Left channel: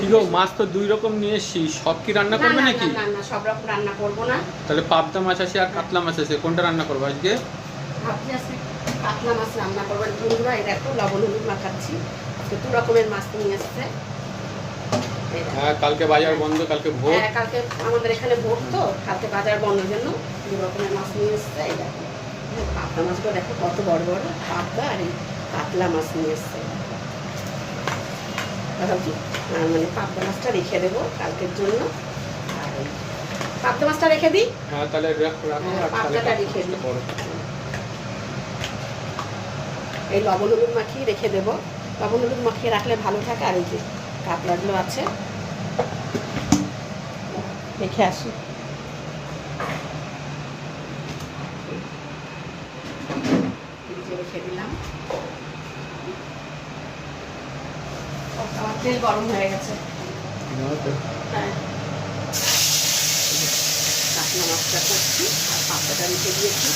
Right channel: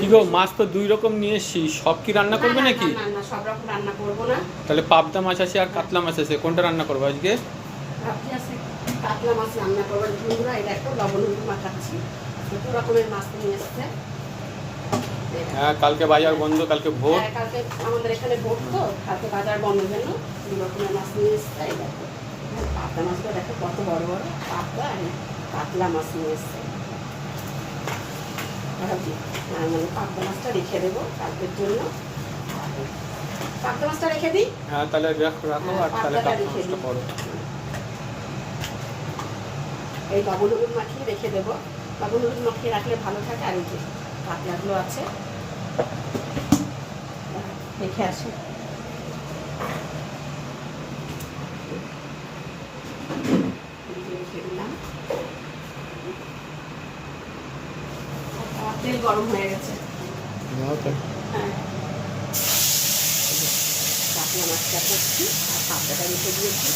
কি গো, মাছ তো দুই রকম নিয়ে এসছি, সব কি রান্না করবে নাকি? না না, সব রকম রান্না করবো না। তাহলে পাবদা মাছ আছে আর কাতলা মাছ আছে, কোনটা রান্না করবো আজকে? ভাবছি আছে কাতলা মাছ রান্না করবো। বন্ধুরা এই দেখো লবণ হলুদ মাখাচ্ছি। দু রকমের মাছ তো নিয়ে আসছে। হ্যাঁ, কালকে বাজার বন্ধ, কালকে ভোট। হ্যাঁ, কালকে আমাদের এখানে ভোট, তো কালকে বাজার বন্ধের জন্য দু রকমের মাছ নিয়ে এসছে। এই দেখো পাবদা মাছগুলো দেখো কত বড় বড় পাবদা, আর এই কাতলা মাছ নিয়ে এসছে। ভাবছি মানে পাবদা মাছটা রেখে দেবো কালকের জন্য। পাবদা মাছটা রেখে দিই। হ্যাঁ, তাহলে রাখো আর তাহলে কাতলা মাছটা করো। এই লবণ হলুদ মাখিয়ে রেখে দেবো। লবণ হলুদ মাখিয়ে রাখলে ভালো থাকে। আর এই যে কাতলাগুলো আছে, রেখে আসি। রেখে দিলাম। তেল গরম হয়ে গেছে। হ্যাঁ, কাতলা মাছটা করছি আর পাবদাটা রেখে দিয়েছি।